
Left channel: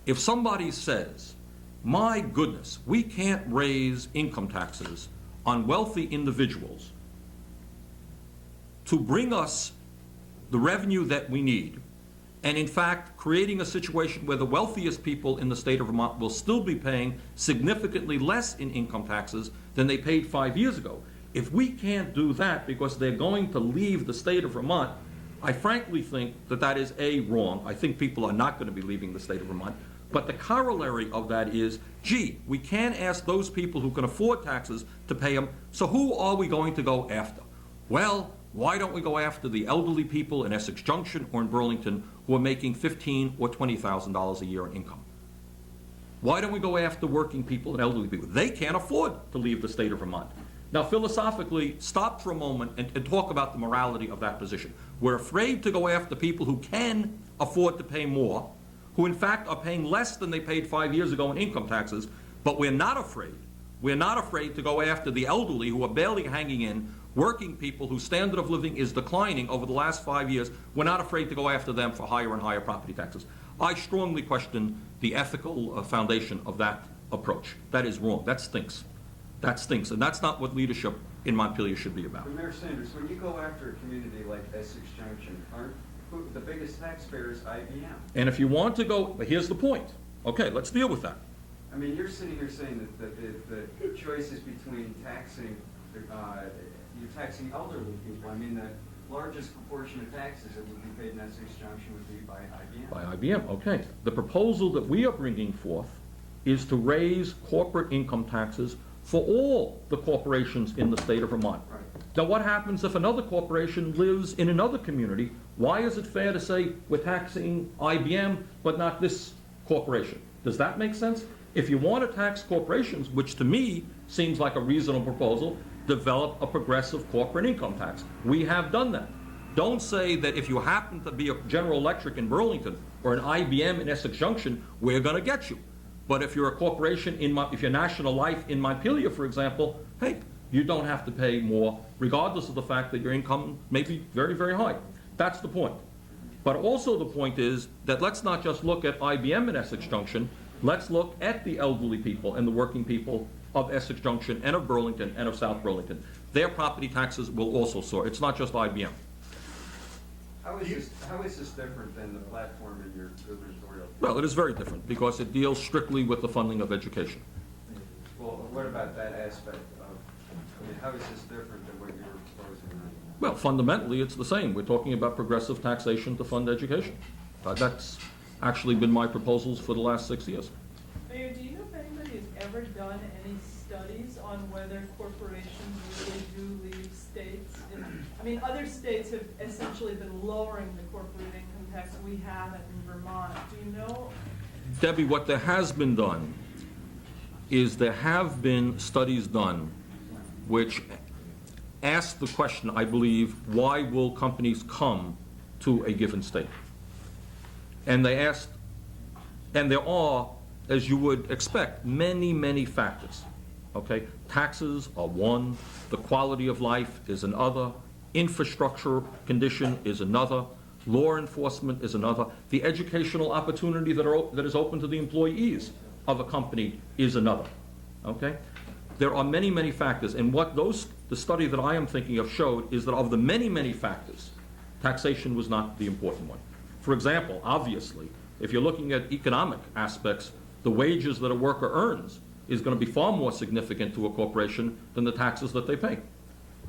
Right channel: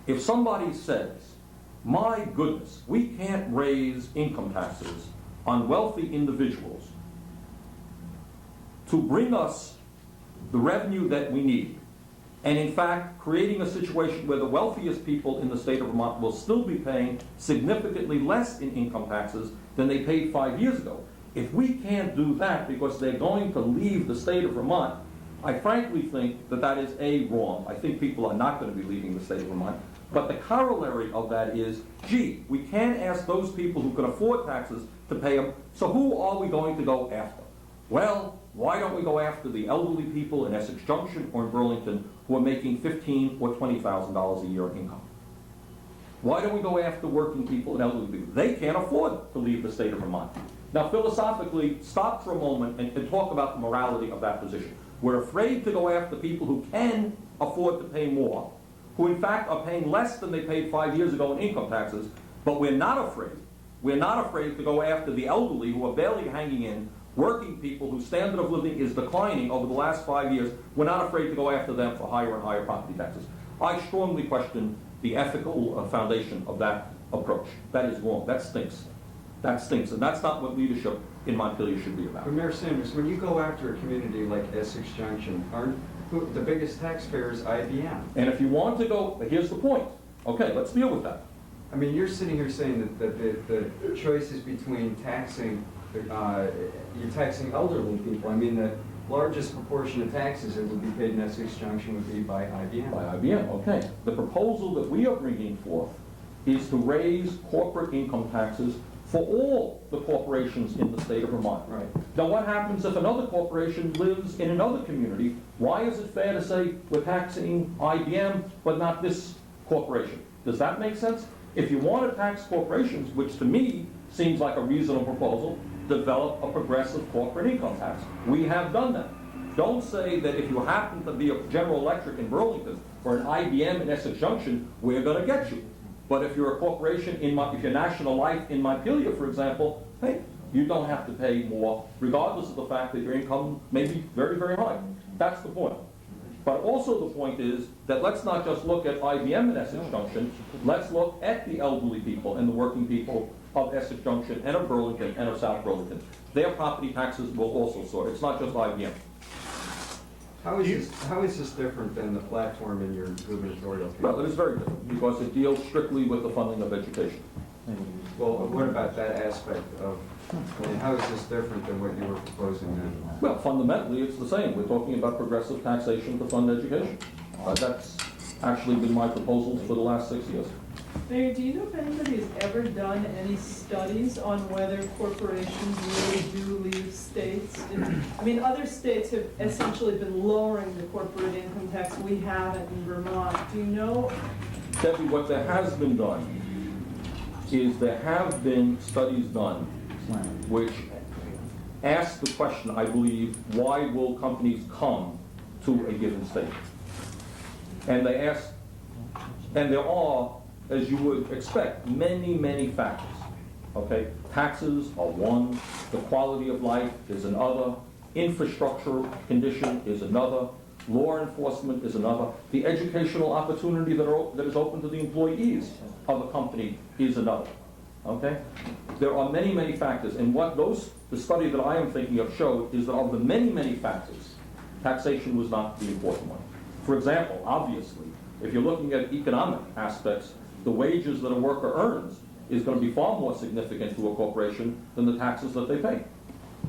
If somebody says, my goodness, we can't raise income taxes on wealthy individuals to bring us the revenue that we need, and in fact, creating a situation where the wealthiest people in the state of Vermont will still be paying significantly less in income taxes than they paid 5 years ago. If we can't do that because they're going to leave the state of Vermont, I frankly think that that is A, wrong. I think people are not going to be leaving the state of Vermont. But the corollary of that is, gee, we can't ask those people who can afford taxes to pay them, so who are we going to go after? Well, why don't we go after the elderly people in Essex Junction or in Burlington who are making $15,000 or $20,000 a year in income? Why don't we go after working people and elderly people? They can't afford to leave the state of Vermont. Now, philosophically, stop for a moment and talk about the morality of that position. We're afraid to go after people who can afford to pay more, who in fact are paying less than they paid 5 years ago in income taxes, but we're not afraid to go after the elderly who are barely hanging in, working people whose standard of living is declining over the last 5 years. We're not afraid to go after them for higher and higher property taxes. I strongly question the ethical foundation of that approach. That is wrong. That stinks. That stinks, and that's not what leadership in Montpelier should be about. But Mayor Sanders, when you go after a community like Essex Junction, the biggest taxpayer is IBM. And if you want to go, but here's the point. Okay, let's deal with that. I mean, you're sitting here saying that the choice is between taxing, you're taxing elderly people. I mean, the largest proportion of taxes that would be paid in Essex Junction would be by IBM. By IBM, okay. The proposal that we are bringing forth is to raise corporate income taxes for all the corporations in the state of Vermont. Right. Now, what happens if another corporation lives in another community? Why is it fair to say we're taxing IBM but not this corporation? Does that make sense? If you want to tax corporations, which to me seems like a reasonable proposal, develop a progressive corporate income tax. We have done that. Don't say that if you happen to be a General Electric in Burlington or an IBM in Essex Junction, we're going to get you. But if you're a corporation, if you're National Life in Montpelier, for example, hey, you don't have to pay more, regardless of the fact that your income may be very, very high. That's the point. But also the point is that let's not just look at IBM in Essex Junction, let's look at the elderly people and the working people of Essex Junction and of Burlington and of South Burlington. Their property taxes will also soar. It's not just IBM. How is this different than the platform in your gubernatorial campaign? Well, it is very different because it deals strictly with the funding of education. Well, what about that aspect of, I mean, how is this different than what you were proposing then? Well, fundamentally, it's the same. We're talking about progressive taxation to fund education. That's actually been my proposals for the last 6 years. Mayor, do you know if anybody has ever done any studies on whether corporations really do leave states? I mean, other states have essentially been lowering the corporate income tax. We haven't in Vermont. Do you know? Debbie, what there has been done is there have been studies done which ask the question, I believe, why will companies come to a given state? And they ask, and there are, as you would expect, many, many factors, okay? Taxes are one, the quality of life is another, infrastructure condition is another, law enforcement is another, the educational opportunity that is open to the employees of a company is another, okay? There are many, many factors, and what the study that I am thinking of showed is that of the many, many factors, taxation was not the important one. For example, obviously, if you're looking at economic aspects, the wages that a worker earns is going to be far more significant to a corporation than the taxes that they pay.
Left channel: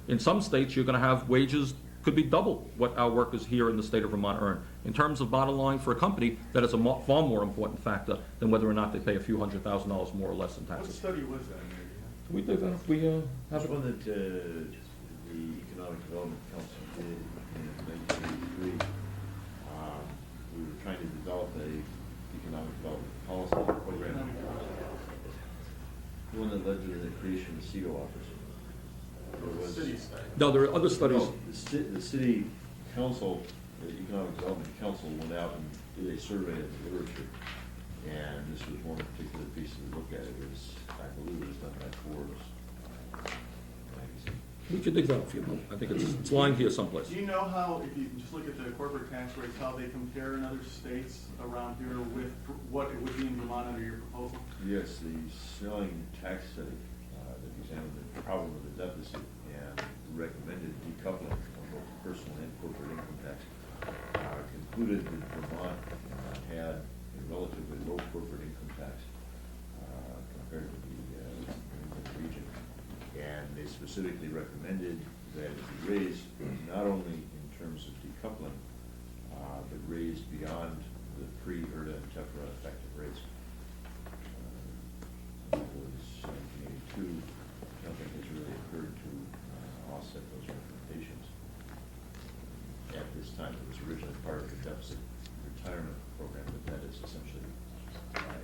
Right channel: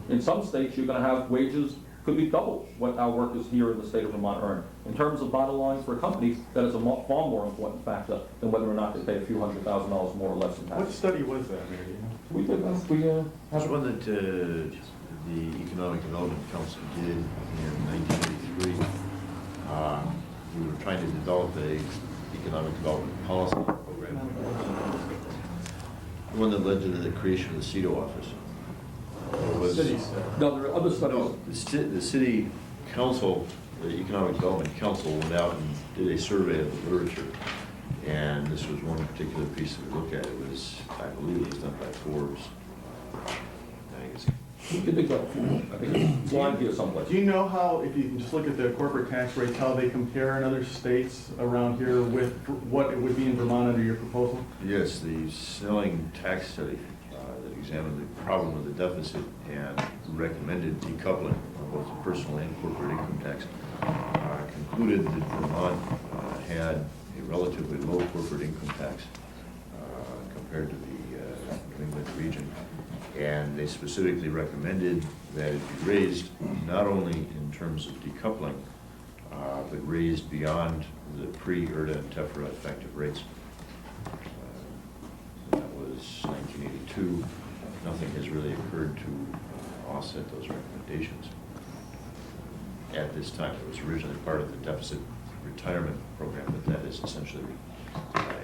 In some states, you're going to have wages could be double what our workers here in the state of Vermont earn. In terms of bottom line for a company, that is a far more important factor than whether or not they pay a few $100,000 more or less in What taxes. study was that, Mayor? We did that. There's one that the Economic Development Council did in 1983. We were trying to develop a economic development policy. The one that led to the creation of the CEDO office. Was- City study. No, there are other studies. No, the city council, the Economic Development Council went out and did a survey of the literature. And this was one particular piece that we looked at. It was, I believe it was done by Forbes magazine. We could dig that up if you want. I think it's lined here someplace. Do you know how, if you can just look at the corporate tax rates, how they compare in other states around here with what it would be in Vermont under your proposal? Yes, the Snelling tax study that examined the problem of the deficit and recommended decoupling of both the personal and corporate income tax concluded that Vermont had a relatively low corporate income tax compared to the New England region. And they specifically recommended that it be raised not only in terms of decoupling, but raised beyond the pre-ERDA and TEFRA effective rates. two, nothing has really occurred to offset those recommendations at this time. It was originally part of the deficit retirement program, but that is essentially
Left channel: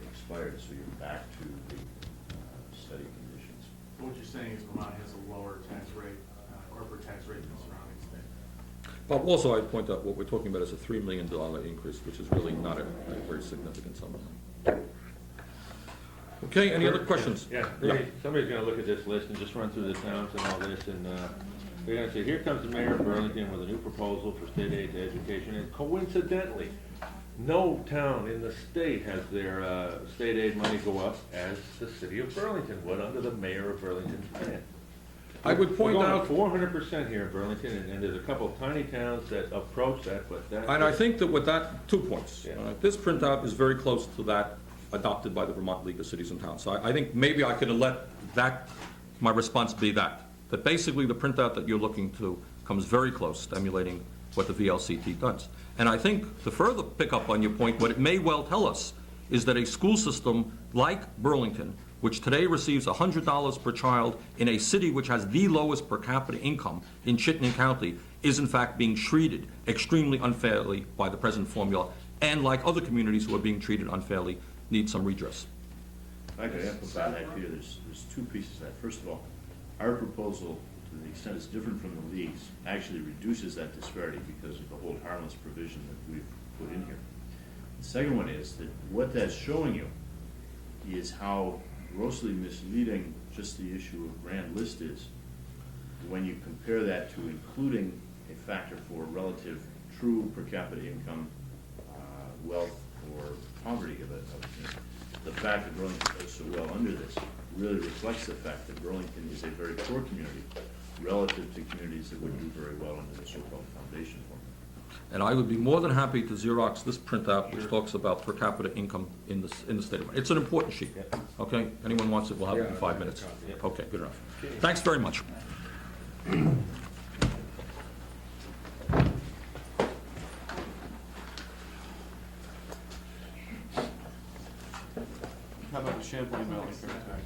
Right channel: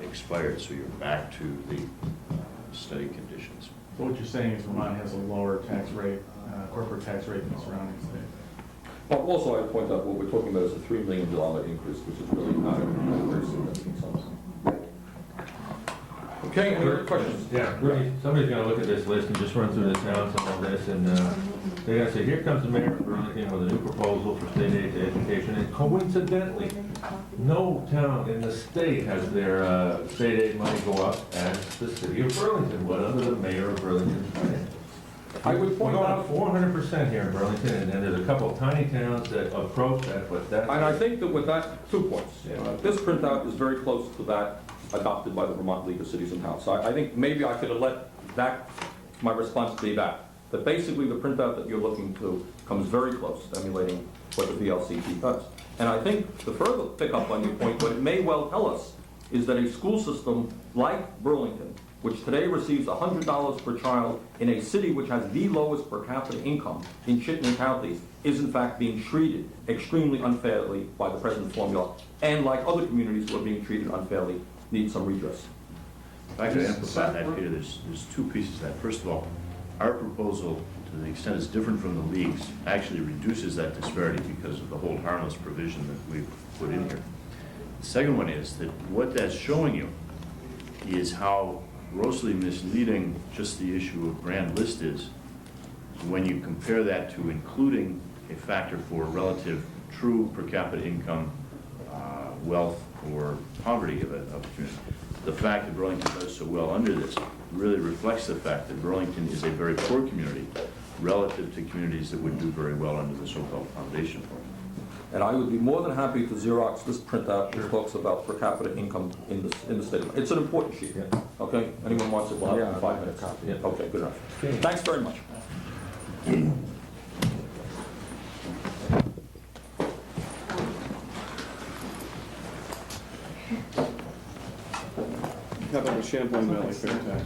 expired, so you're back to the study conditions. So what you're saying is Vermont has a lower tax rate, corporate tax rate than the surrounding states. Well, also, I'd point out what we're talking about is a $3 million increase, which is really not a very significant sum. Okay, any other questions? Yeah, Rudy, somebody's gonna look at this list and just run through the towns and all this, and they're gonna say, here comes the mayor of Burlington with a new proposal for state aid to education, and coincidentally, no town in the state has their state aid money go up as the city of Burlington would under the mayor of Burlington's plan. I would point out, 400% here in Burlington, and there's a couple of tiny towns that approach that, but that's. and I think that with that, 2 points. Yeah. This printout is very close to that adopted by the Vermont League of Cities and Towns. So I think maybe I could have let that, my response be that basically the printout that you're looking to comes very close to emulating what the VLCT does. And I think to further pick up on your point, what it may well tell us is that a school system like Burlington, which today receives $100 per child in a city which has the lowest per capita income in Chittenden County, is in fact being treated extremely unfairly by the present formula, and like other communities who are being treated unfairly, need some redress. If I could amplify that, Peter, there's two pieces to that. First of all, our proposal, to the extent it's different from the league's, actually reduces that disparity because of the hold harmless provision that we've put in here. The second one is that what that's showing you is how grossly misleading just the issue of grand list is when you compare that to including a factor for relative true per capita income, wealth, or poverty of a community. The fact that Burlington does so well under this really reflects the fact that Burlington is a very poor community relative to communities that would do very well under the so-called foundation formula. And I would be more than happy to Xerox this printout which talks about per capita income in the state of, it's an important sheet. Yeah. Okay, anyone wants it, we'll have it in 5 minutes. Yeah. Okay, good enough. Okay. Thanks very much. How about the Champlain Valley Fair tax?